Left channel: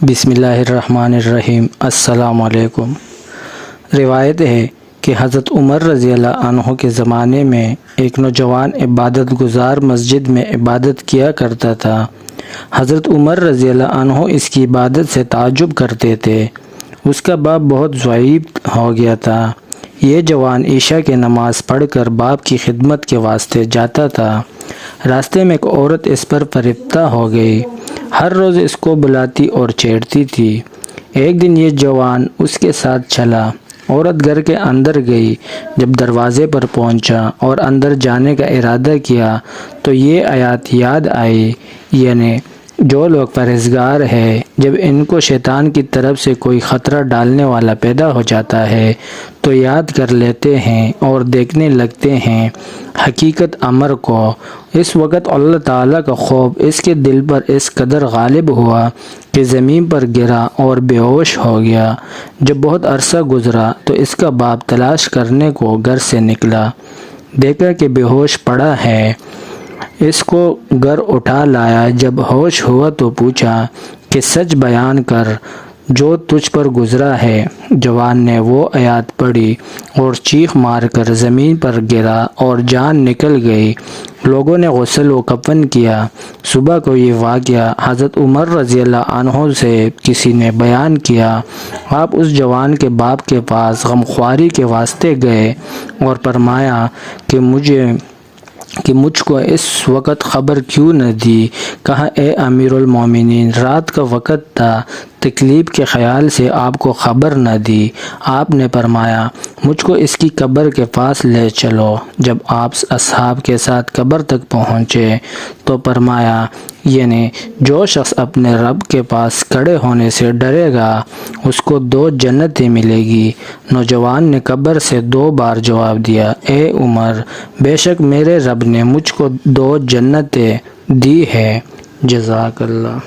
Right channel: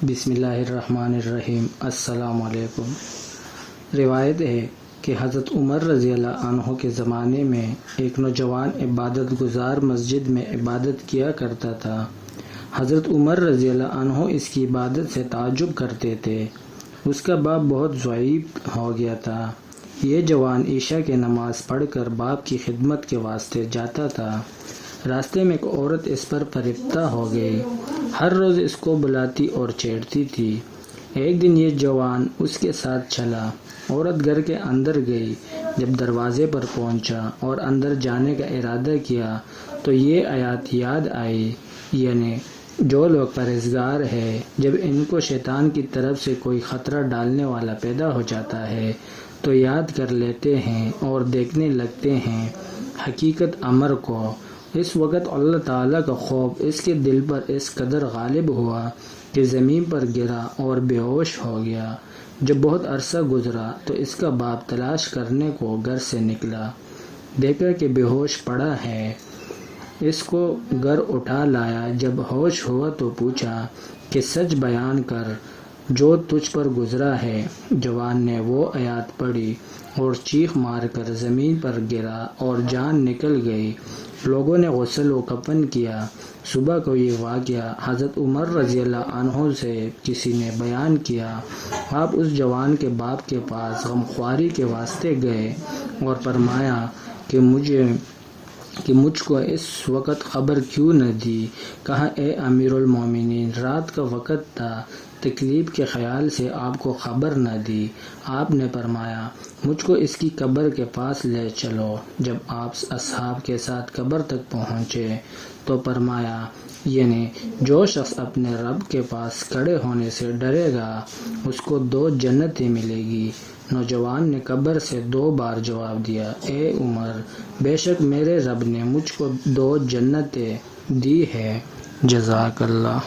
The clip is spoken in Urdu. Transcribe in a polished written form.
بسم اللہ الرحمن الرحیم۔ السلام علیکم۔ روایت ہے کہ حضرت عمر رضی اللہ عنہ کے زمانے میں ایک نوجوان عبادت گزار مسجد میں عبادت کیا کرتا تھا۔ حضرت عمر رضی اللہ عنہ اس کی عبادت سے تعجب کرتے تھے۔ اس کا باپ بہت ضعیف ہو گیا تھا۔ یہ جوان عشاء کی نماز پڑھ کر باپ کی خدمت کے واسطے جاتا تھا۔ راستے میں ایک عورت اس پر فریفتہ ہو گئی۔ ہر روز اس کو بلاتی اور چھیڑتی تھی۔ ایک دن یہ جوان اس کے ساتھ چلا۔ عورت گھر کے اندر گئی۔ جب دروازے پر پہنچا اور اندر جانے کا ارادہ کیا تو یہ آیات یاد آئی، یعنی جو لوگ پرہیزگار ہیں، جب ان کو شیطان کی طرف سے کوئی خطرہ ڈالنے والا پیدا ہو جاتا ہے تو یاد کر لیتے ہیں اور دیکھنے لگتے ہیں حقیقت امر کو۔ اس وقت اللہ تعالیٰ کا خوف اس کے دل پر اس قدر غالب ہوا کہ زمین پر گرا اور بے ہوش ہو گیا۔ جب بہت عرصہ گزرا تو اس کا باپ تلاش کرنے کو گھر سے نکلا۔ دیکھا کہ بے ہوش پڑا ہے۔ اس کو گھر اٹھا لایا۔ جب ہوش ہوا تو پوچھا کہ سچ بیان کر جو تجھ پر گزرا ہے۔ جوان نے وہ آیات پڑھی اور چیخ مار کر زمین پر گرا اور جان نکل گئی۔ لوگوں نے غسل و کفن کیا۔ صبح کو یہ واقعہ حضرت عمر رضی اللہ عنہ سے کسی نے بیان کیا۔ آپ اس جوان کے باپ کے پاس غمخواری کے واسطے گئے اور فرمایا کہ مجھ کو اس وقت خبر کیوں نہ دی؟ کہا اے امیر المومنین، رات کا وقت تھا، تکلیف کے خیال سے آپ کو خبر نہ دی۔ آپ نے فرمایا مجھ کو اس کی قبر کے پاس لے چلو۔ جب آپ اصحاب کے ساتھ قبر تک پہنچے تو فرمایا یعنی جو شخص اپنے رب کے پاس کھڑے ہونے سے ڈرے گا اس کو 2 جنتیں ملے گی۔ نوجوان نے قبر سے 2 بار جواب دیا، اے عمر، بے شک میرے رب نے مجھ کو 2 جنتیں دی ہے۔ جزاک اللہ۔